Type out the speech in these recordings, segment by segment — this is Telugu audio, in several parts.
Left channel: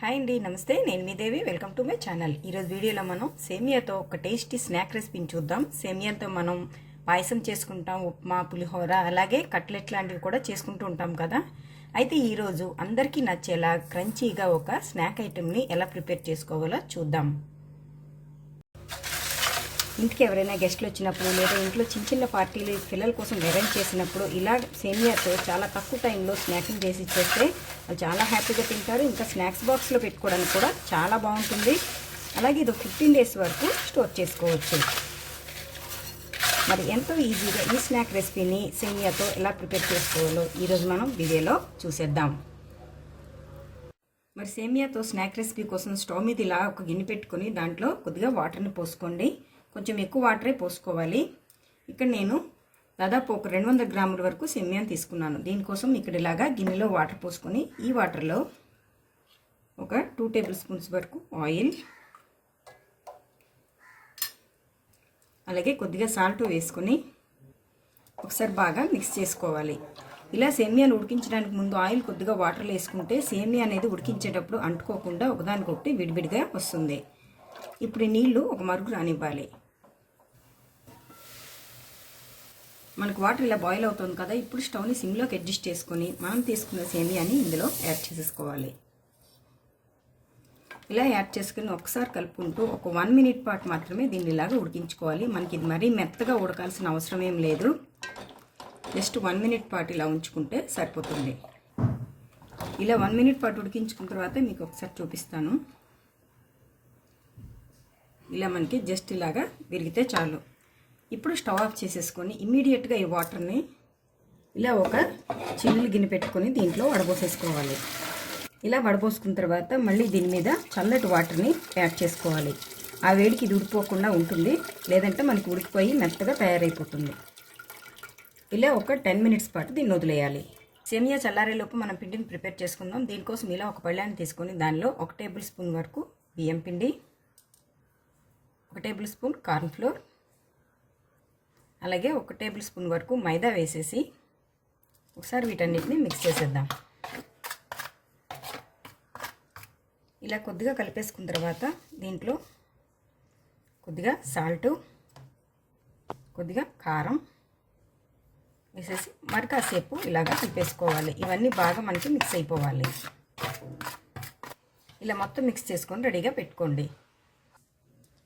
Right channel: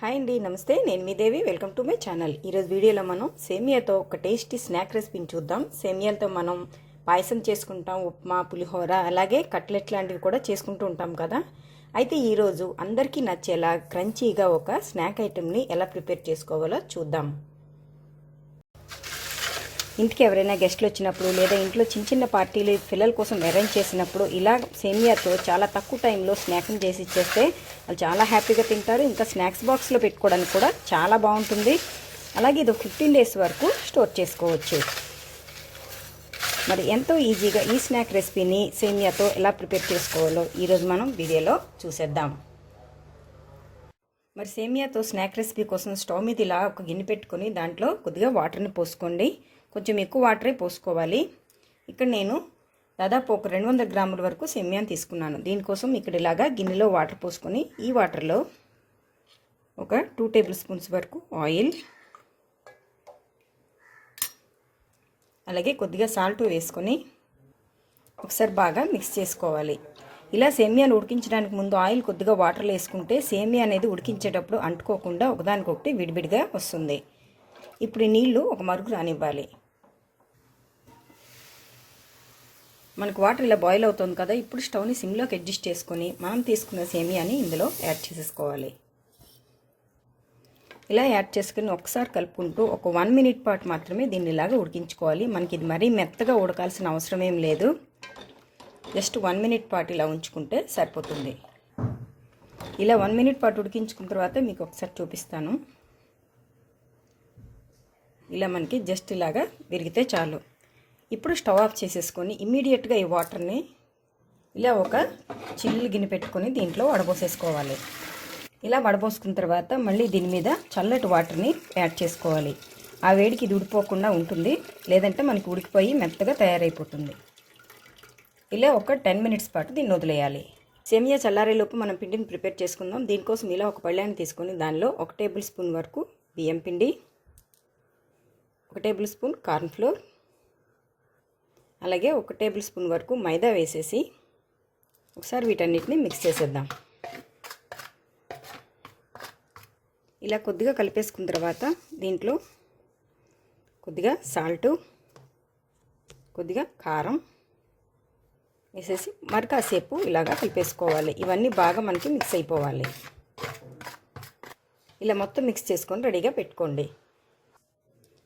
హాయ్ అండి నమస్తే. నేను మీ Devi. Welcome to my channel. ఈరోజు వీడియోలో మనం సేమియాతో ఒక టేస్టీ స్నాక్ రెసిపీని చూద్దాం. సేమియాతో మనం పాయసం చేసుకుంటాం ఉప్మా పులిహోర అలాగే కట్లెట్ లాంటివి కూడా చేసుకుంటూ ఉంటాం కదా. అయితే ఈరోజు అందరికీ నచ్చేలా క్రంచీగా ఒక స్నాక్ ఐటెంని ఎలా ప్రిపేర్ చేసుకోవాలో చూద్దాం. ఇంటికి ఎవరైనా గెస్ట్లు వచ్చినప్పుడు లేదా ఇంట్లో చిన్న చిన్న పార్టీలు పిల్లల కోసం అరేంజ్ చేసినప్పుడు ఇలా సేమియాతో చాలా తక్కువ టైంలో స్నాకింగ్ చేసి ఇచ్చేస్తే వాళ్ళు చాలా హ్యాపీగా తింటారు. ఇంకా స్నాక్స్ బాక్స్లో పెట్టుకోవడానికి కూడా చాలా బాగుంటుంది. అలాగే ఇది ఫిఫ్టీన్ డేస్ వరకు స్టోర్ చేసుకోవచ్చు. మరి ఎంతో ఈజీగా ఈ స్నాక్ రెసిపీని సేమియాతో ఎలా ప్రిపేర్ చేసుకోవాలో ఈరోజు మనం వీడియోలో చూసేద్దాం. మరి సేమియాతో స్నాక్ రెసిపీ కోసం స్టవ్ మీద ఇలా ఒక గిన్నె పెట్టుకొని దాంట్లో కొద్దిగా వాటర్ని పోసుకోండి. కొంచెం ఎక్కువ వాటరే పోసుకోవాలి. ఇక్కడ నేను దాదాపు ఒక రెండు వందల గ్రాముల వరకు సెమ్యాన్ తీసుకున్నాను. దీనికోసం ఇక్కడ ఇలాగా గిన్నెలో వాటర్ పోసుకొని ఈ వాటర్లో ఒక టూ టేబుల్ స్పూన్స్ వరకు ఆయిల్ అలాగే కొద్దిగా సాల్ట్ వేసుకొని ఒకసారి బాగా మిక్స్ చేసుకోవాలి. ఇలా సేమియాను ఉడికించడానికి ముందు ఆయిల్ కొద్దిగా వాటర్లో వేసుకుంటే సేమియా అనేది ఉడికించేటప్పుడు అంటుకోకుండా ఒకదానికొకటి విడివిడిగా వస్తుంది. ఇప్పుడు నీళ్ళు ఒక మరుగు రానివ్వాలి. మనకు వాటర్ ఇలా బాయిల్ అవుతుంది కదా ఇప్పుడు స్టవ్ని సిమ్లోకి అడ్జస్ట్ చేసుకొని మనం తీసుకున్న సేమియాని ఇందులో యాడ్ చేసేసుకోవాలి. ఇలా యాడ్ చేసుకుని ఒకసారి కలుపుకుంటూ ఒక వన్ మినిట్ పాటు మాత్రమే దీన్ని ఇలాగా ఉడికించుకోవాలి. మనకి ఇది మరీ మెత్తగా ఉడకాల్సిన అవసరం ఏం లేదు. జస్ట్ వన్ మినిట్ పాటు ఇలా ఉంచుకుంటే సరిపోతుంది. ఇలా వన్ మినిట్ పాటు ఉడికించుకున్న తర్వాత మీకు ఒకసారి చూపిస్తాను. ఇలా మనకి జస్ట్ ఇలాగా విరిగితే చాలు. ఇప్పుడు స్టవ్ ఆఫ్ చేసేసుకొని ఇమ్మీడియట్గా ఈ వాటర్ని ఇలా ఒక చిల్లు గిన్నె పెట్టుకొని దీంట్లో వడబోసేసుకోవాలి. ఇలా వడబోసుకున్న తర్వాత మళ్ళీ దీని మీద చల్లటి వాటర్ని యాడ్ చేసుకోవాలి. ఆ వేడికి ఇది ఉడిపోకుండా ఉంటుంది. లేదంటే మనకి ఉడికిపోయి మెత్తగా తయారైపోతుంది. ఇలా ఒక టెన్ మినిట్స్ పాటు దీన్ని వదిలేయాలి. సేమియా చల్లారేలోపు మనం పిండిని ప్రిపేర్ చేసుకుందాం. దీనికోసం ఇలా ఒక పళ్ళాన్ని తీసుకొని దానిలో ఒక టేబుల్ స్పూన్ వరకు బియ్యం పిండి ఒక టేబుల్ స్పూన్ కార్న్ఫ్లోర్ అలాగే ఒక టేబుల్ స్పూన్ వరకు మైదా వేసేసి ఒకసారి వీటన్నిటిని మిక్స్ చేసేద్దాం. ఇలా కొద్దిగా కలిపేసుకున్న తర్వాత దీంట్లో కొద్దిగా సాల్టు కొద్దిగా కారం వేసేసి మరి కాసేపు ఇలాగా కలిపేసుకోవాలి. ఇవన్నీ బాగా మనకి మిక్స్ అయిపోవాలి. ఇలా మొత్తం మిక్స్ చేసుకొని రెడీగా పెట్టుకోండి.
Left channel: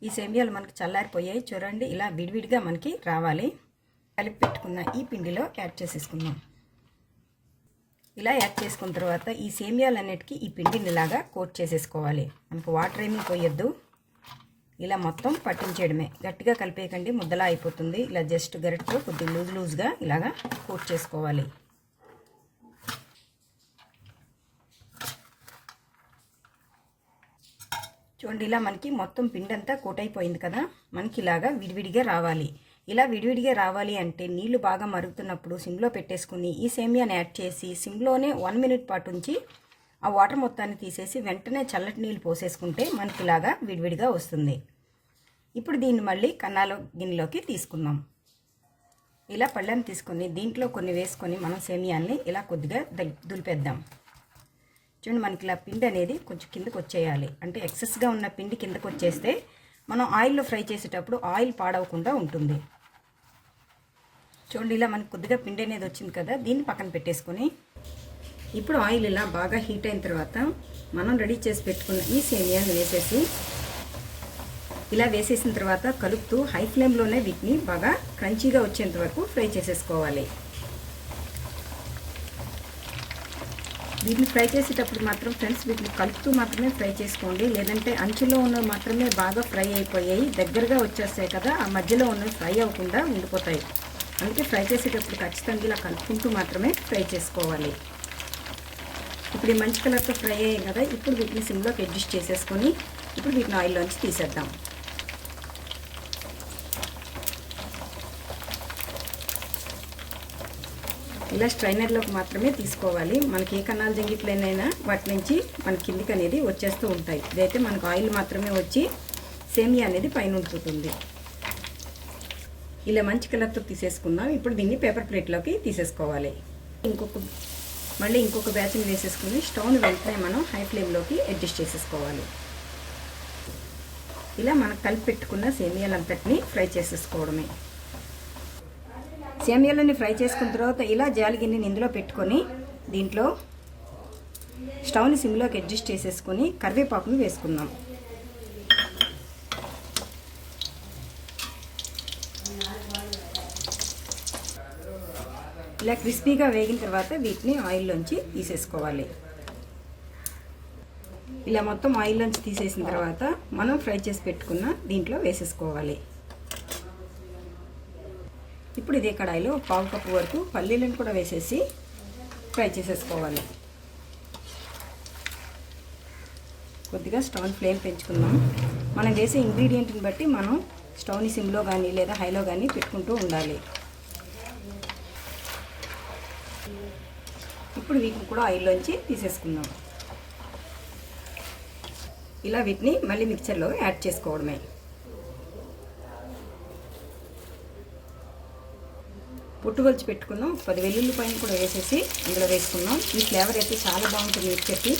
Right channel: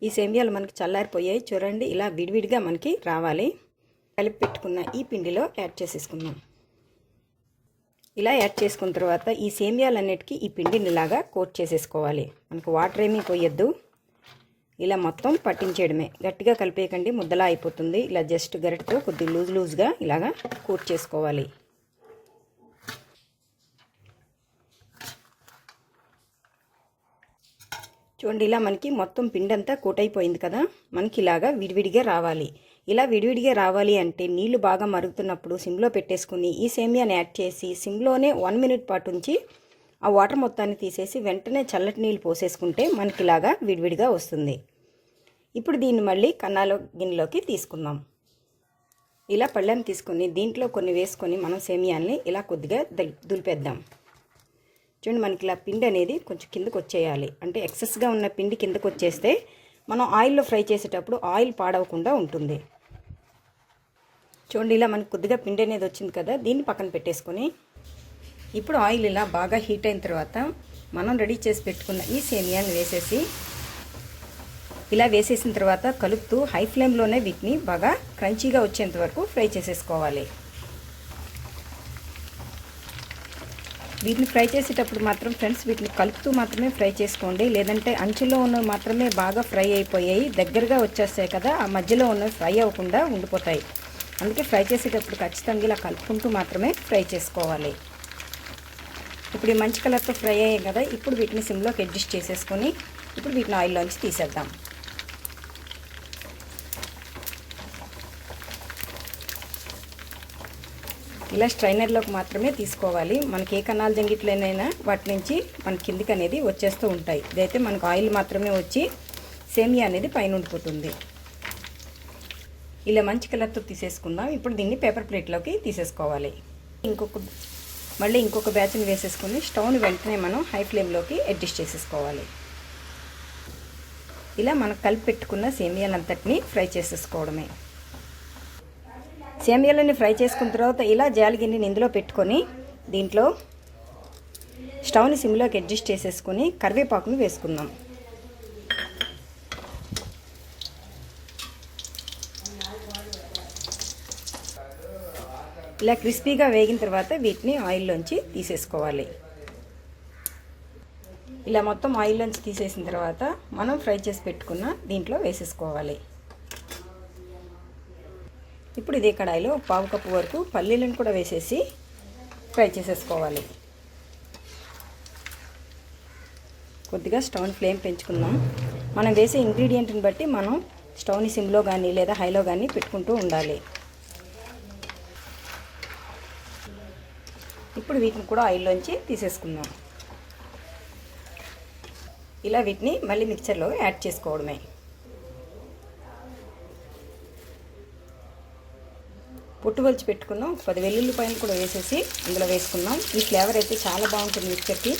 ఈ సేమియాలు మనకి చల్లారిపోయాయి. చూడండి ఇలా విడివిడిగా మనకి రావాలి. కలిపి పెట్టుకున్న ఈ పిండిలో యాడ్ చేసేసుకుందాం. ఇలా యాడ్ చేసుకున్న తర్వాత ఈ సేమియాలన్నిటికీ ఈ పిండిని ఇలాగా కోట్ చేసేసుకోవాలి. మనకు వాటర్ ఏమీ పోయొద్దు. ఇలా మొత్తం పట్టించేయడమే. గట్టిగా కలిపేయకండి ముద్దలా అయిపోతుంది. ఇలా జస్ట్ గరిటతో కొద్దిగా లూజ్ లూజ్గా ఇలాగా కోట్ చేసుకోవాలి. చూడండి ఇలా మనకి మొత్తం పిండి అంతా కదా? మనకి ఇలాగా విడివిడిగా రావాలి. ఇలా విడివిడిగా రావాలి అంటే నీళ్ళు బాగా మరుగుతున్నప్పుడు సిమ్లో పెట్టేసుకుని ఈ సేమియాని యాడ్ చేసి సిమ్లోనే వన్ మినిట్ పాటు ఉంచి ఆ వాటర్ మొత్తాన్ని తీసేసి వెంటనే చల్లటి నీళ్ళు పోసేసుకుంటే మనకి ఇలాగా విడివిడిగా వస్తుంది. ఇప్పుడు దీన్ని మళ్ళీ కన్నాల గిన్నెలోకి తీసుకుందాం. ఇలా పళ్ళెం తీసుకొని దీంట్లో కొన్ని వేసుకొని మనం సేమియాల్ని ఇలా కొద్దిగా దులిపేద్దాం. చూడండి మనకి ఇలా పిండి అనేది కొంచెం కిందకు వచ్చేయాలి. అంటే ఎక్సెస్గా ఉన్న పిండి కిందకు వచ్చేస్తే మనం ఆయిల్లో ఫ్రై చేసేటప్పుడు ఆయిల్ పాడవకుండా ఉంటుంది. చూడండి ఇలా మనకి కొద్దిగా పిండి అనేది వచ్చింది కదా దీన్ని పక్కన పెట్టేసుకొని ఇప్పుడు ఆయిల్ ఇలా బాగా హీట్ అయిన తర్వాత మనం రెడీ చేసి పెట్టుకున్న ఈ సేమియాని వేసేసి ఇలా వేసేసిన తర్వాత కలుపుతూ హై ఫ్లేమ్లోనే వీటిని బాగా క్రంచీగా వచ్చేంత వరకు ఫ్రై చేసేసుకోవాలి. వీటిని ఫ్రై చేసేటప్పుడు మాత్రం ఫ్రెండ్స్ వీటిని కలుపుతూ మాత్రమే ఫ్రై చేసుకోండి. లేదంటే అంచులో ఉన్నవి మాత్రమే బాగా ఫ్రై అయిపోయాయి. దగ్గరగా వచ్చేస్తాయి కదా ఆ మధ్యలో ఉన్నవి ఫ్రై అవ్వకుండా ఉండిపోతాయి. అందుకే ఫ్రై చేసేటప్పుడు ఖచ్చితంగా ఇలా కలుపుకుంటూ మాత్రమే ఫ్రై చేసుకోవాలి. ఇప్పుడు ఈ మంచి కలర్తో ఫ్రై అయ్యాయి కదా ఇప్పుడు వీటిని సిమ్లోకి అడ్జస్ట్ చేసేసుకొని ఇప్పుడు వీటిని ఆయిల్లోంచి తీసేద్దాం. ఇలా స్ట్రైనర్లోకి మాత్రమే తీసుకోవాలి. మనకి ఏ కణాలు జంగిట్లోనైనా వాటి నుంచి మన కిందికి అనేది వచ్చేస్తూ ఉంటాయి. ఇదైతే మనకు ఆయిల్ మాత్రమే వచ్చి సేమియా అనేది పైన ఉండిపోతుంది. ఇలా మంచి కలర్తో తీసేసుకుందాం. ఇప్పుడు దీన్ని పేపర్ ప్లేట్లోకి తీసేసుకోవాలి. ఇంకొక మళ్ళీ ఇంకొక బ్యాచ్ని వేసేసుకుని స్టవ్ని వెంటనే మనం హై ఫ్లేమ్లోకి అడ్జస్ట్ చేసేసుకోవాలి. ఇలా మనం కలిపి పెట్టుకున్న సేమియాలంతటిని ఫ్రై చేసేసుకోవడమే. సేమియాలని ఫ్రై చేసుకున్న తర్వాత ఇలా జాలి గిన్నెని ఇందులో పెట్టుకొని దీంట్లో స్టవ్ని సిమ్లోకి అడ్జస్ట్ చేసేసుకొని కరివేపాకుని వేసుకుందాం. ఇలా క్రిస్పీగా వేగిన తర్వాత వీటిని ఆయిల్లోంచి తీసేసుకోవాలి. ఇలా మొత్తం ఆయిల్లోంచి తీసేసిన తర్వాత మనం ఫ్రై చేసి పెట్టుకున్న దీంట్లో వేసేసుకోవాలి. ఇప్పుడు ఇదే కడాయిలో పావు కప్పు వరకు పల్లీలను కూడా వేసేసి ఫ్రై చేసేసుకోవాలి. కొద్దిగా స్టవ్ ఫ్లేమ్ పెంచుకుందాం. మనం వేసే ఇంగ్రీడియంట్ని బట్టి మనం స్టవ్ని సిమ్లో కానీ లేదా హైలో కానీ పెట్టుకుంటూ ఉండాలి. ఇప్పుడు వీటిని కూడా ఆయిల్లోంచి తీసేసుకుందాం. ఇలా వీటిని మళ్ళీ మిక్చర్లో యాడ్ చేసుకోవడమే. పొట్టుగొల్చి పెట్టుకున్నాం. పది వెల్లుల్లి పైన కూడా వేసేసి అందులో వేసుకున్నాం ఈ ఫ్లేవర్ అయితే చాలా బాగుంటుంది మిక్చర్కి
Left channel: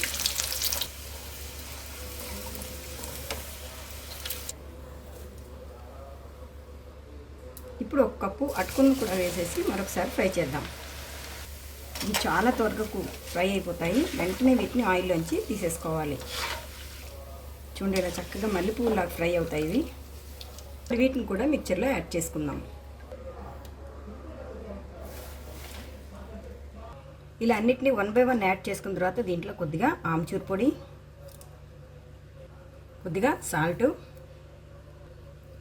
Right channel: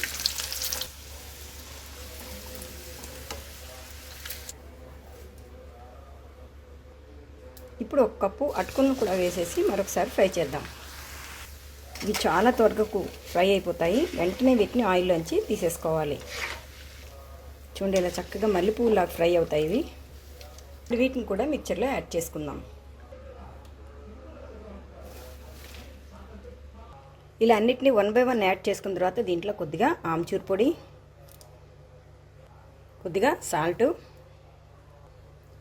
ఇప్పుడు ఒక కప్పు అటుకులను కూడా వేసేసి మరొకసారి ఫ్రై చేద్దాం. ఇవి చాలా త్వరగా ఫ్రై అయిపోతాయి. వెంటనే వీటిని ఆయిల్లోంచి తీసేసుకోవాలి. చూడండి ఇలా చక్కగా మల్లెపూలాగా ఫ్రై అవుతాయి ఇవి. వీటిని కూడా మిక్చర్లో యాడ్ చేసుకుందాం. ఇలా అన్నిటిని వన్ బై వన్ యాడ్ చేసుకున్న తర్వాత దీంట్లో కొద్దిగా ఆమ్చూర్ పొడి కొద్దిగా సాల్ట్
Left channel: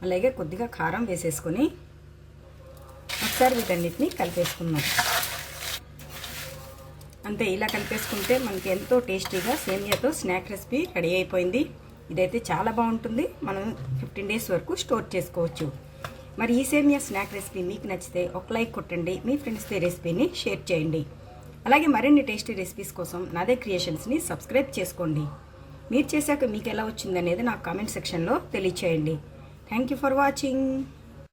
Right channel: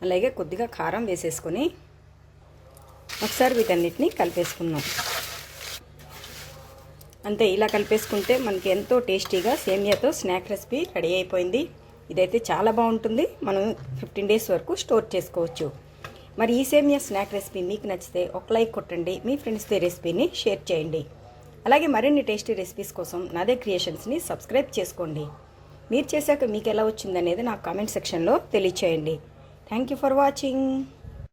అలాగే కొద్దిగా కారం వేసేసుకొని ఒకసారి వీటన్నిటిని కలిపేసుకుందాం. అంతే ఇలా కలిపేసుకుంటే మనకి ఎంతో టేస్టీగా సేమియాతో స్నాక్ రెసిపీ రెడీ అయిపోయింది. ఇదైతే చాలా బాగుంటుంది. మనం ఫిఫ్టీన్ డేస్ వరకు స్టోర్ చేసుకోవచ్చు. మరి ఈ సేమియా స్నాక్ రెసిపీ మీకు నచ్చితే ఒక లైక్ కొట్టండి. మీ ఫ్రెండ్స్తో రెసిపీని షేర్ చేయండి. అలాగే మరిన్ని టేస్టీ రెసిపీస్ కోసం నాదే క్రియేషన్స్ని సబ్స్క్రైబ్ చేసుకోండి. మీరు చేశాక మీకు ఎలా వచ్చిందనేది నాకు కామెంట్ సెక్షన్లో తెలియచేయండి. Thank you for watching